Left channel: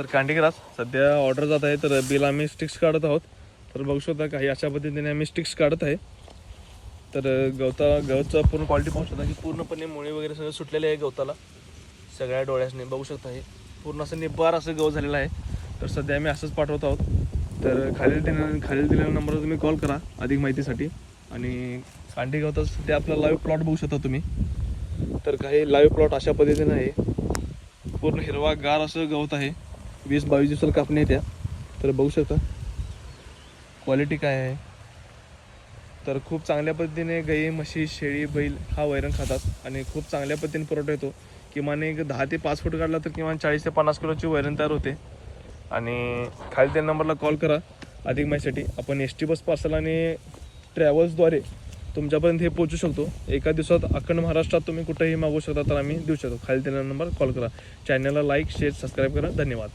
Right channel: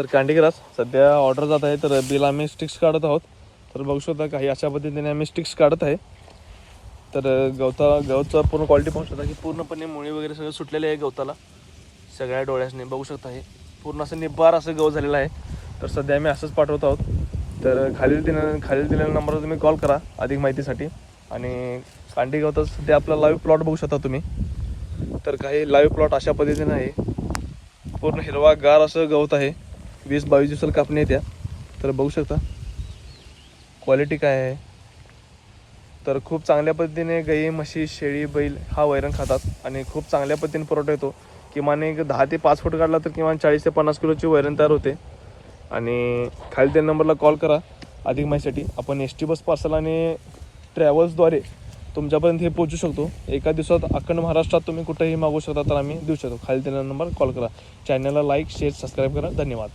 तर कॅन्डीग्रास सध्या ऑर्डर जात आहे, तर बिल आम्ही स्टिक्स काढत आहोत. तर बघू शकता काही अशा पद्धतीने आम्ही स्टिक्स काढत आहे. तर गवताचा पूर्ण क्वालिटी पाहू शकता की पूर्णपणे मुळी वगैरे सगळं सुटलेले आहे गवताला सगळ्या डोळ्याने बघू शकता. हे पूर्ण असं निब्बार असं गवत झालेलं आहे. तर सध्या आम्ही असंच पाठवत आहोत. तर खालील दिलेल्या नंबरवर तुम्ही कॉल करा अधिक माहितीसाठी. आणि कांडी गवतात सध्या आपला लाईव्ह प्लॉट बघू शकता तुम्ही. तर काही लाईव्ह प्लॉट अशा पद्धतीने आहे. पूर्ण हिरवा गार असं गवत आहे. 20-22 दिवसाला कापणी येत्या. तर बघू शकता क्वालिटी काय आहे. तर खूप चांगल्या पद्धतीने गाई, म्हशी, शेळी, बैल हा वैरण खातात आणि खूप चांगल्या पद्धतीने पुरवठा येतो. किमान एक 10 ते 5 फूट काढला तर किमान 40 ते 50 किलोची वैरण तयार होते. आणि खाली त्या नंबरला कॉल करा अधिक माहितीसाठी. आपण ST बस पार्सल आणि ट्रॅव्हल्सद्वारे तुमच्यापर्यंत हे पोहोचू शकतो. एका दिवसात अखंड महाराष्ट्रात तुम्ही कुठेही मागू शकता, तर आम्ही देऊ शकतो. खाली दिलेला नंबर कॉल करा. चॅनलला लाईक, शेअर, सबस्क्राईब करा. धन्यवाद.